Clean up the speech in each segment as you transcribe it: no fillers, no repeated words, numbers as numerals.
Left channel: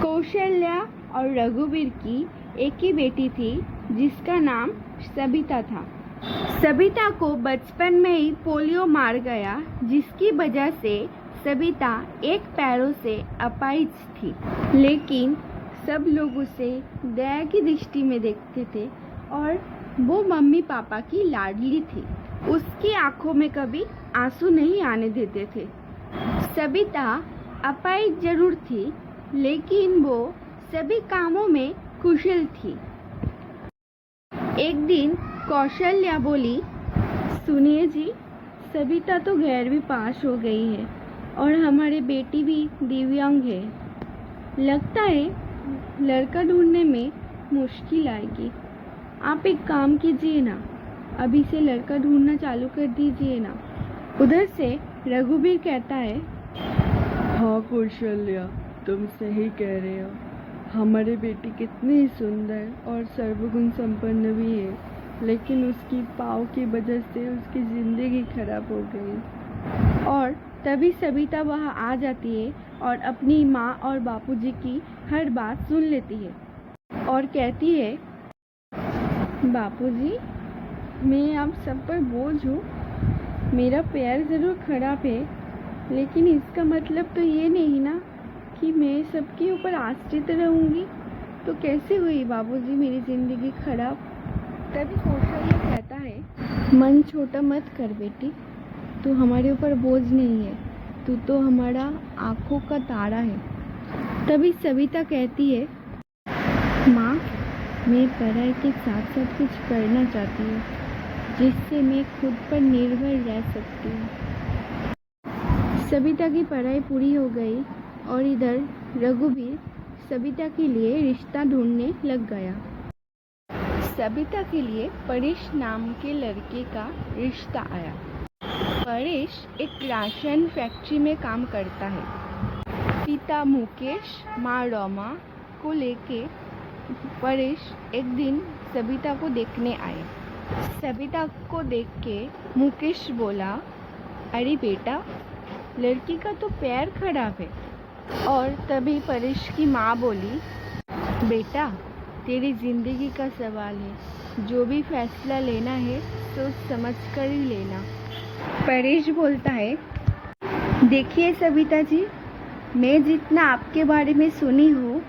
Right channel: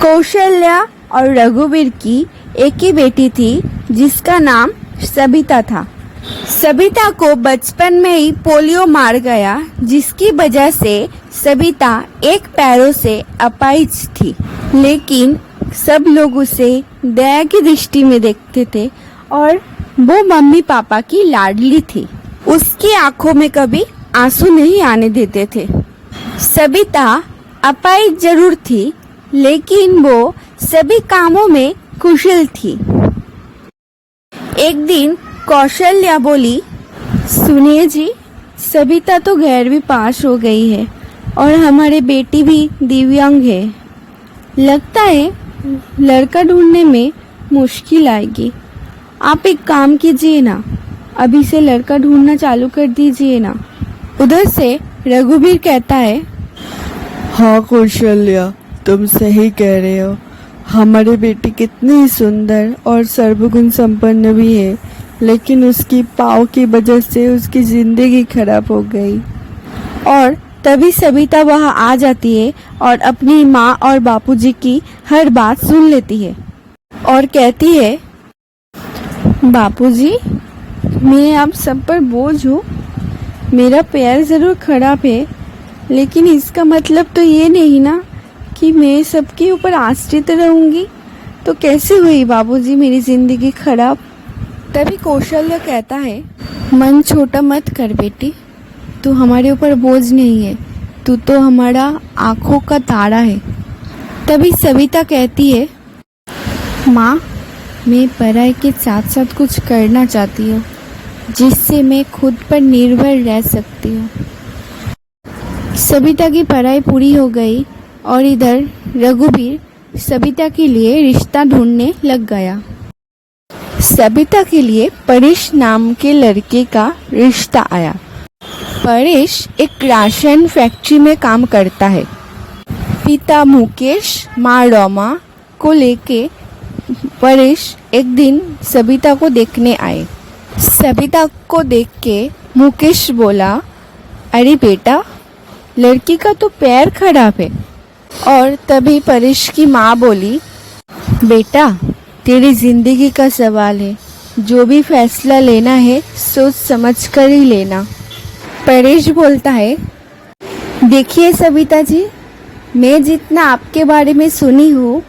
कौशल्या और रघुवीर की एक ही बेटी थी जिसका नाम सबिता था। सबिता को बचपन में ही पोलियो मार गया, जिसकी वजह से सबिता एक पैरों से अपाहिज थी। लेकिन सब लोग उसे दया की दृष्टि में देखते थे और वो मम्मी पापा की लाडली थी। उसकी आंखों में कभी आंसू नहीं आने देते थे। सबिता अपाहिज जरूर थी, लेकिन वो सभी कामों में कुशल थी। एक दिन कौशल्या बोली, सुनिए जी, सबिता तो 11वीं पास हो गई है और हमारे बेटी भी दिव्यांग है। लगता है लड़का ढूंढने में मुश्किल आएगी। आप एक काम कीजिए ना, अभी से लड़का ढूंढना चालू कर दीजिए ना। उधर से रघुवीर कहता है, हाँ कौशल्या, तुम सही कह रहे हो। हमारी बेटी कितनी सुंदर और सर्वगुण संपन्न भी है, लेकिन उसकी पाँव की वजह से उसकी जिंदगी खराब हो गई। और तभी सबिता वहां आ जाती है और अपनी माँ और बापूजी की हर बात सुन लेती है और कहती है, बापूजी, मैं आप सब पर बोझ हूँ। मेरा पैर जरूर खराब है, लेकिन इसका मतलब तो ये नहीं ना कि मैं सबके ऊपर आश्रित रहूंगी। तो कैसे हुई बाबूजी मेरी जिंदगी खराब। तभी कौशल्या कहता है, मन छोटा मत कर बेटी, तू हमारे ऊपर बोझ नहीं है, तू तो हमारा आंखों का तारा है। तभी सबिता कहती है, माँ, मैं पढ़ाई के साथ साथ कुछ करना चाहती हूँ जिससे मैं खुद पर निर्भर रह सकती हूँ। सबिता की पढ़ाई पूरी हो गई और इधर रघुवीर सबिता के लिए रिश्ता ढूंढने लग गया। सबिता के लिए परेश नाम के लड़के का रिश्ता आया। परेश एक राशन फैक्ट्री में काम करता है। पिता मुकेश, माँ रोमा को लेके परेश एक दिन सबिता को देखने आए। सबिता को देख के मुकेश बोला, अरे बेटा, लड़की का तो पैर खराब है। और तभी परेश की माँ बोली, बेटा, तेरी जिंदगी का सवाल है, जो भी फैसला लेना है सोच समझ कर ही लेना। परेश बोलता है, देखिए सबिता जी, मैं जितना आपके बारे में सुनी हूँ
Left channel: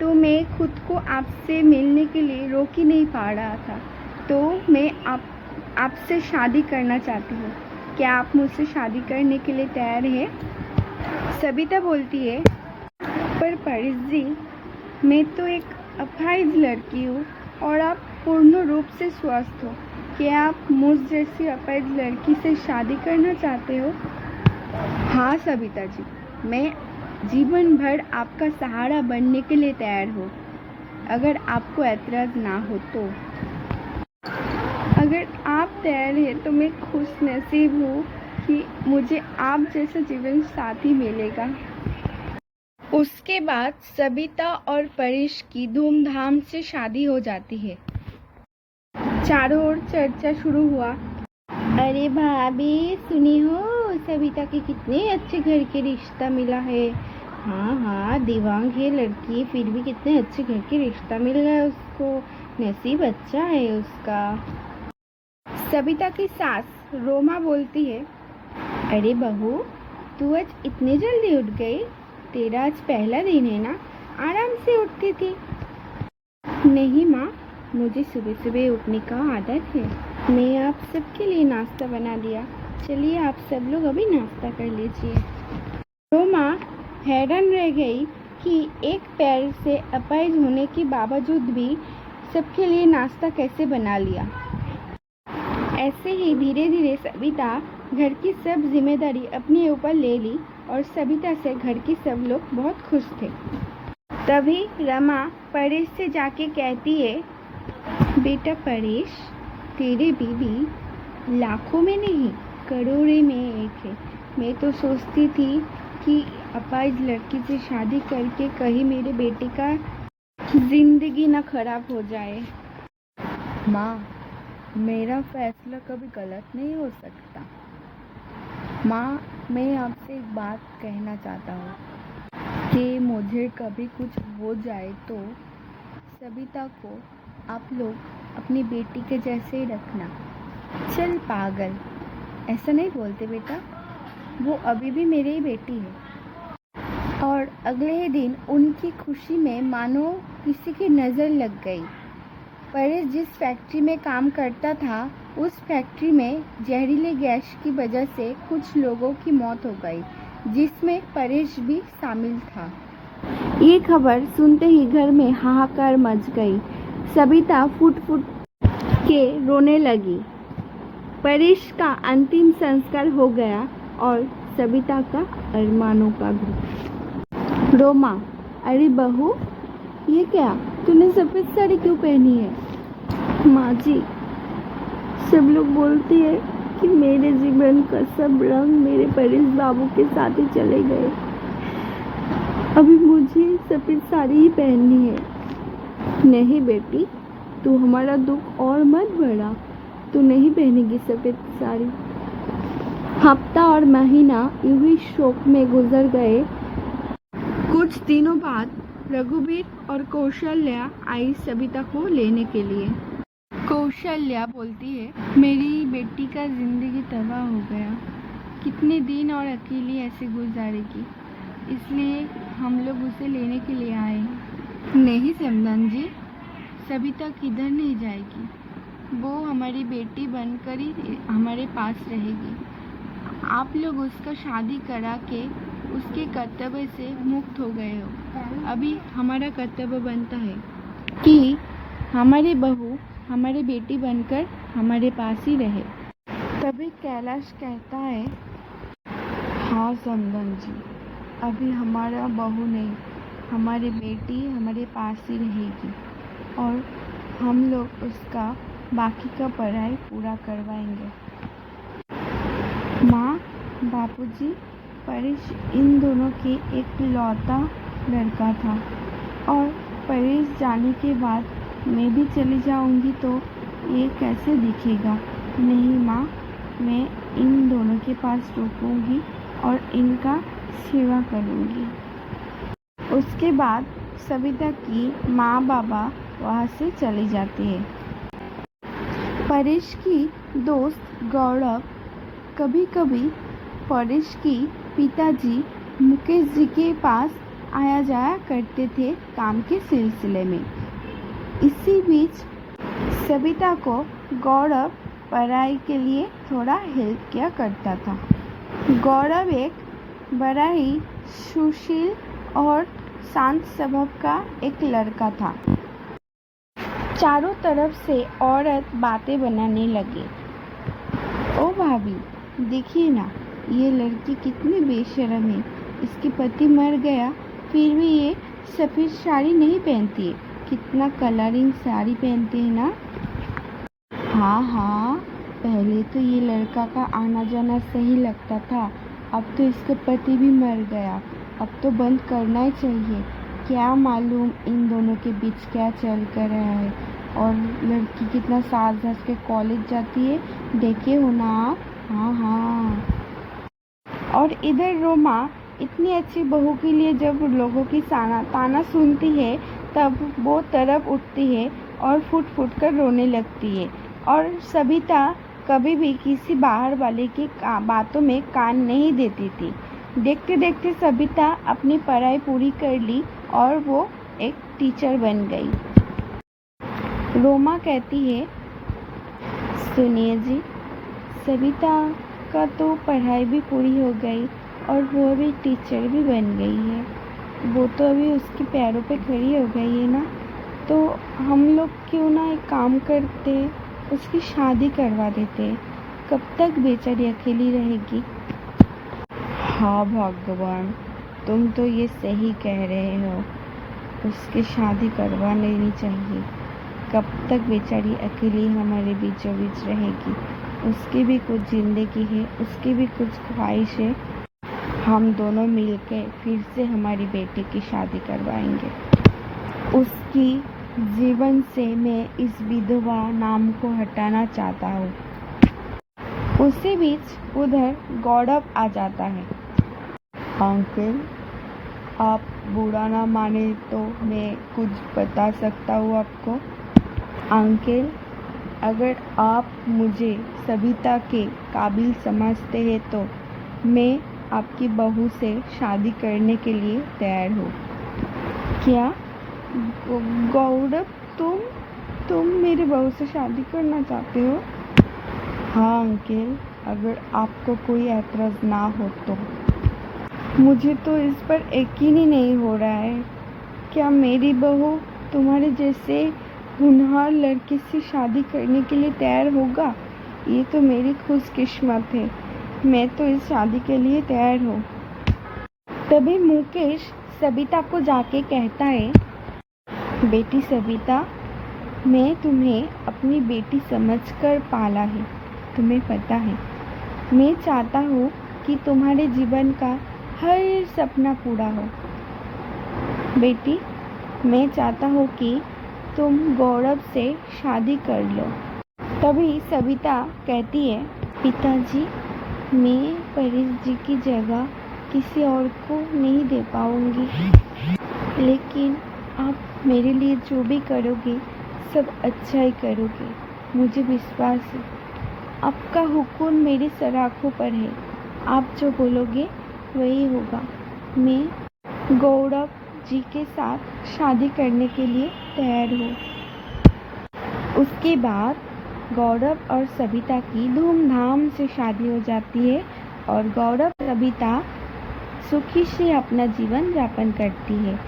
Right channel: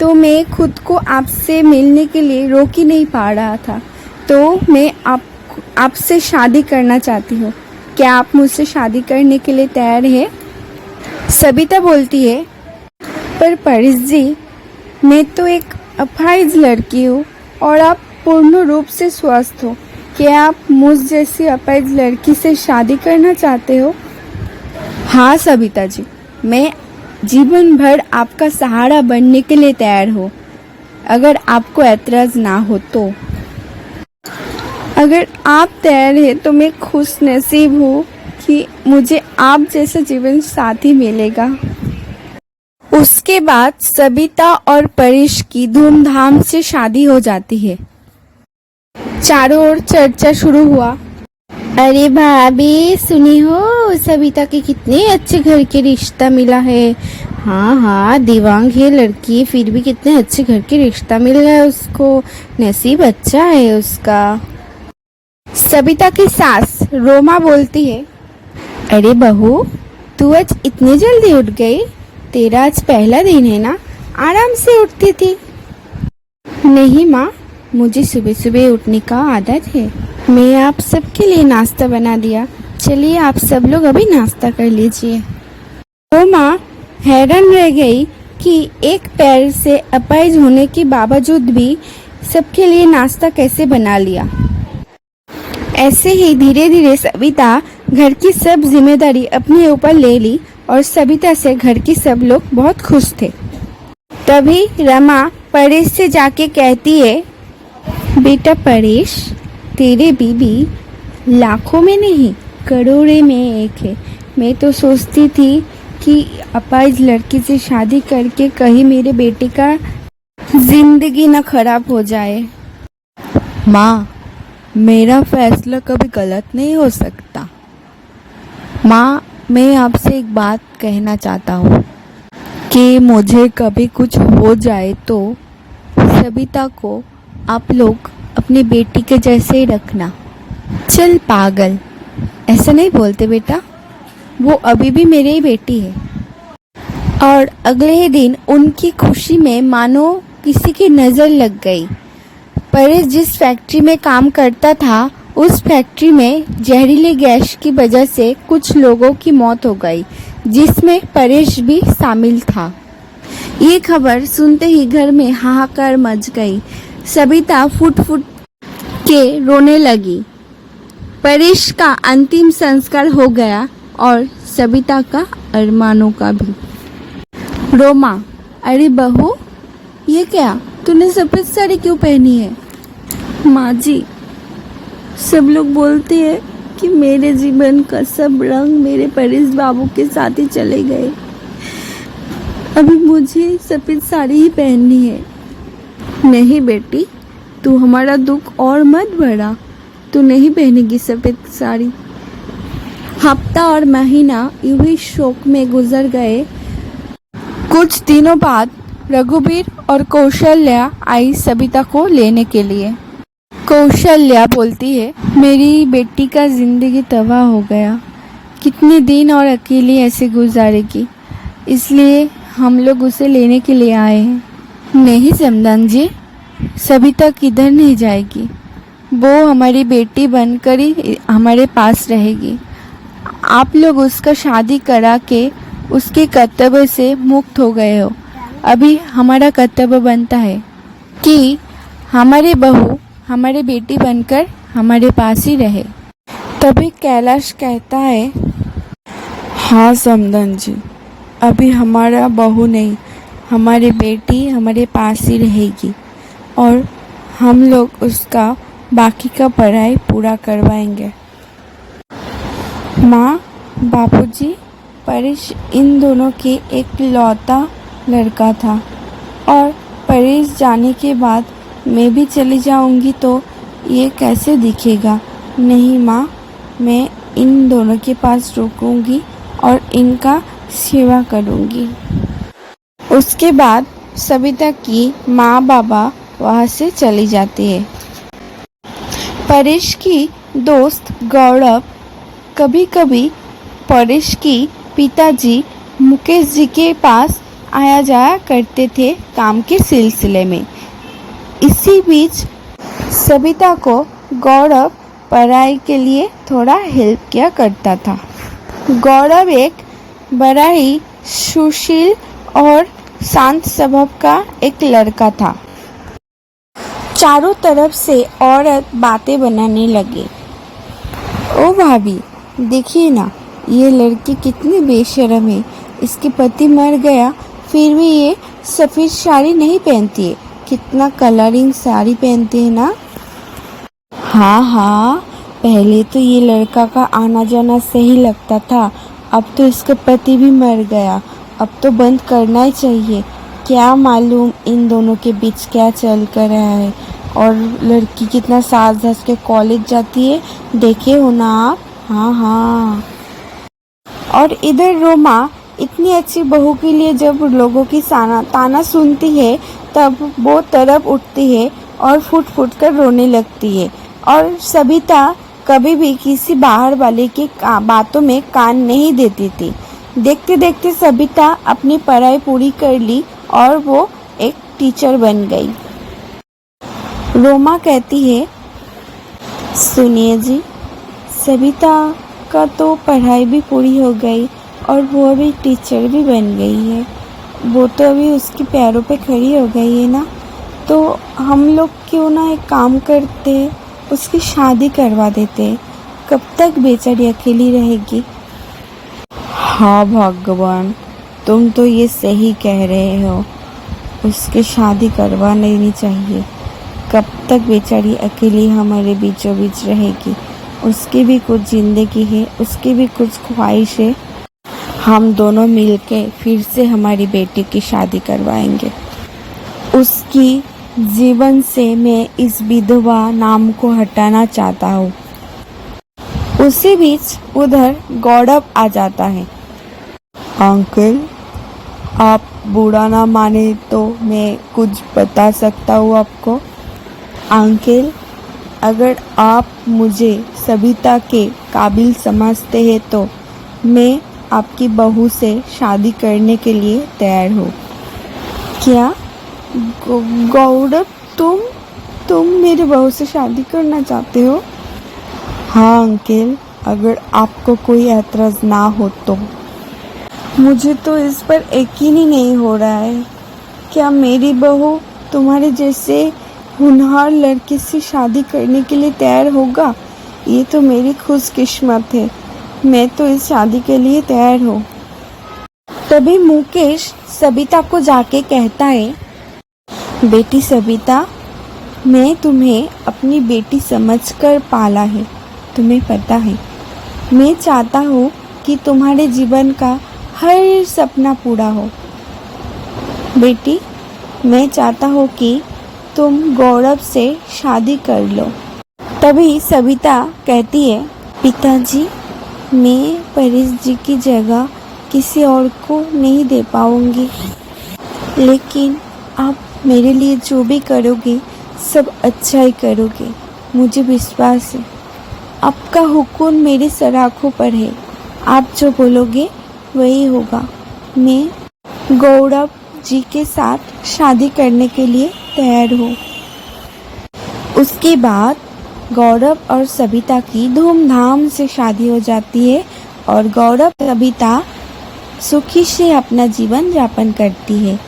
तो मैं खुद को आपसे मिलने के लिए रोक ही नहीं पा रहा था, तो मैं आपसे शादी करना चाहती हूँ। क्या आप मुझसे शादी करने के लिए तैयार हैं? सबिता बोलती है, पर परेश जी, मैं तो एक अपाहिज लड़की हूँ और आप पूर्ण रूप से स्वस्थ हो। क्या आप मुझ जैसी अपाहिज लड़की से शादी करना चाहते हो? हाँ सबिता जी, मैं जीवन भर आपका सहारा बनने के लिए तैयार हूँ, अगर आपको ऐतराज ना हो तो। अगर आप तैयार हैं तो मैं खुश नसीब हूँ कि मुझे आप जैसा जीवन साथी मिलेगा। उसके बाद सबिता और परेश की धूमधाम से शादी हो जाती है। चारों ओर चर्चा शुरू हुआ, अरे भाभी सुनी हो, सबिता के कितने अच्छे घर के रिश्ता मिला है। हाँ हाँ, दिव्यांग है लड़की, फिर भी कितने अच्छे घर के रिश्ता मिल गया उसको, नसीब अच्छा है उसका। सबिता की सास रोमा बोलती है, अरे बहू, तू आज इतनी जल्दी उठ गई? तेरा आज पहला दिन है ना, आराम से उठती थी। नहीं माँ, मुझे सुबह सुबह उठने का आदत है। मैं आप सबके लिए नाश्ता बना दिया, चलिए आप सब लोग अभी नाश्ता कर लीजिए। रोमा हैरान रह गई कि एक पैर से अपाहिज होने के बावजूद भी सबके लिए नाश्ता कैसे बना लिया। ऐसे ही धीरे धीरे सबिता घर की सब जिम्मेदारी अपने ऊपर ले ली और सबिता से घर के सब लोग बहुत खुश थे। तभी रमा परेश से जाके कहती है, बेटा परेश, तेरे बीबी लाखों में नहीं करोड़ों में एक है। मैं तो सोचती थी कि अपाहिज लड़की से शादी करके कहीं मेरे बेटे का जिंदगी न खराब हो जाए। माँ, मेरा फैसला कभी गलत नहीं हो सकता। माँ, मैं आपसे एक बात कहना चाहता हूँ। कि मुझे कभी कुछ हो जाए तो सबिता को आप लोग अपनी बेटी के जैसे ही रखना। चल पागल, ऐसा नहीं बोलते बेटा, वो अभी भी मेरी ही बेटी है। और अगले ही दिन उनकी खुशी में मानो किसी की नज़र लग गई। परेश जिस फैक्ट्री में काम करता था उस फैक्ट्री में जहरीले गैस की वजह से कुछ लोगों की मौत हो गई, जिसमें परेश भी शामिल था। ये खबर सुनते ही घर में हाहाकार मच गई। सबिता फुट फुट के रोने लगी। परेश का अंतिम संस्कार हो गया और सबिता का अरमानों का भी। रोमा, अरे बहू, ये क्या, तूने सफेद साड़ी क्यों पहनी है? माँ जी, सब लोग बोलते हैं कि मेरे जीवन का सब रंग मेरे परेश बाबू के साथ ही चले गए। अभी मुझे सफेद साड़ी ही पहननी है। नहीं बेटी, तू हमारा दुख और मत बढ़ा, तू नहीं पहनेगी सफेद साड़ी। हफ्ता और महीना यूं ही शोक में गुजर गए। कुछ दिनों बाद रघुवीर और कौशल्या आई सबिता को लेने के लिए। कौशल्या बोलती है, मेरी बेटी का जिंदगी तबाह हो गया, कितने दिन और अकेली ऐसे गुजारेगी, इसलिए हम लोग उसे लेने के लिए आए हैं। नहीं समदान जी, सबिता किधर नहीं जाएगी, वो हमारी बेटी बनकर ही हमारे पास रहेगी। आप लोग उसका शादी करा के उसके कर्तव्य से मुक्त हो गए हो। अभी हमारा कर्तव्य बनता है कि हमारे बहू हमारी बेटी बनकर हमारे पास ही रहे। तभी कैलाश कहता है, हाँ समदन जी, अभी हमारा बहू नहीं, हमारी बेटी हमारे पास ही रहेगी और हम लोग उसका बाकी का पढ़ाई पूरा करवाएंगे। माँ, बापूजी, परेश इन दोनों के एक लौता लड़का था और परेश जाने के बाद मैं भी चली जाऊंगी तो ये कैसे दिखेगा। नहीं माँ, मैं इन दोनों के पास रुकूंगी और इनका सेवा करूंगी। उसके बाद सबिता की माँ बाबा वहाँ से चली जाती है। परेश की दोस्त गौरव कभी कभी परेश की पिताजी मुकेश जी के पास आया जाया करते थे काम के सिलसिले में। इसी बीच सबिता को गौरव पढ़ाई के लिए थोड़ा हेल्प किया करता था। गौरव एक बड़ा ही सुशील और शांत स्वभाव का एक लड़का था। चारों तरफ से औरत बातें बनाने लगे। ओ भाभी, देखिए ना, ये लड़की कितनी बेशर्म है, इसके पति मर गया फिर भी ये सफ़ेद साड़ी नहीं पहनती है, कितना कलरिंग साड़ी पहनती है ना। हाँ हाँ, पहले तो ये लड़का का आना जाना सही लगता था, अब तो इसका पति भी मर गया, अब तो बंद करना ही चाहिए। क्या मालूम इन दोनों के बीच क्या चल कर रहा है। और लड़की कितना साज धज के कॉलेज जाती है, देखे हो ना आप। हाँ हाँ। और इधर रोमा इतनी अच्छी बहू के लिए जब लोगों की ताना सुनती है तब वो तरफ उठती है और फुट फुट कर रोने लगती है। और सबिता कभी भी किसी बाहर वाले की बातों में कान नहीं देती थी। देखते देखते सबिता अपनी पढ़ाई पूरी कर ली और वो एक टीचर बन गई। रोमा कहती है, सुनिए जी, सबिता का तो पढ़ाई भी पूरी हो गई और वो अभी टीचर भी बन गई है, वो तो अभी उसके पैरों पे खड़ी हो गई है ना, तो हम लोग क्यों ना एक काम करते, उसकी शादी करवा देते। कब तक बेचारी अकेली रहेगी। हाँ भगवान, तुम तो ये सही कह रहे हो, उसकी शादी करवा लेनी चाहिए। कब तक बेचारी अकेली हमारे बीचों बीच रहेगी। उसकी भी कुछ ज़िंदगी है, उसकी भी कुछ ख्वाहिश है। हम दोनों मिलके फिर से हमारी बेटी की शादी करवाएंगे। उसकी जीवन से मैं इस विधवा नाम को हटाना चाहता हूँ। उसी बीच उधर गौरव आ जाता है। अंकल, आप बुरा ना माने तो मैं कुछ बता सकता हूँ आपको। अंकल, अगर आप मुझे सबिता के काबिल समझते हैं तो मैं आपकी बहू से शादी करने के लिए तैयार हूँ। क्या गौरव, तुम मेरी बहू से शादी करना चाहते हो? हाँ अंकल, अगर आपको कोई ऐतराज ना हो तो। मुझे तो इस पर यकीन ही नहीं हो रहा है। क्या मेरी बहू तुम्हारे जैसे होनहार लड़के से शादी करने के लिए तैयार होगा? ये तो मेरी खुशकिस्मत है। मैं तो इस शादी के लिए तैयार हूँ। तभी मुकेश सबिता को जाके कहता है, बेटी सबिता, मैं तुम्हें अपनी बेटी समझकर पाला है, तुम्हें पता है। मैं चाहता हूँ कि तुम्हारे जीवन का हर सपना पूरा हो। बेटी, मैं चाहता हूँ कि तुम गौरव से शादी कर लो। तभी सबिता कहती है, पिताजी, मैं परेश जी की जगह किसी और को नहीं दे पाऊंगी, लेकिन आप मेरे लिए जो भी करोगे सब अच्छा ही करोगे। मुझे विश्वास है, आपका हुक्म मेरे सर आँखों पर है। आप जो बोलोगे वही होगा। मैं गौरव जी के साथ शादी करने के लिए तैयार हूँ। उसके बाद गौरव और सबिता की धूमधाम से शादी हो जाती है और गौरव सबिता सुखी से अपना जीवन यापन करती है।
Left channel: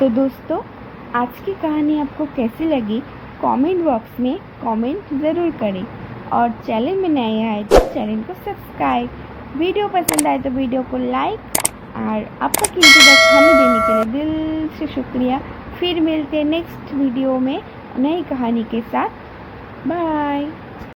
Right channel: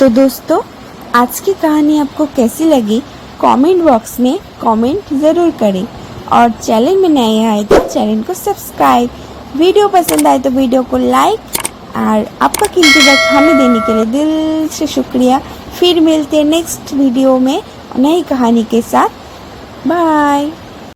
तो दोस्तों, आज की कहानी आपको कैसी लगी कमेंट बॉक्स में कमेंट ज़रूर करें और चैनल में नए आए तो चैनल को सब्सक्राइब। वीडियो पसंद आए तो वीडियो को लाइक और आपका कीमती वक्त हमें देने के लिए दिल से शुक्रिया। फिर मिलते हैं नेक्स्ट वीडियो में नई कहानी के साथ। बाय।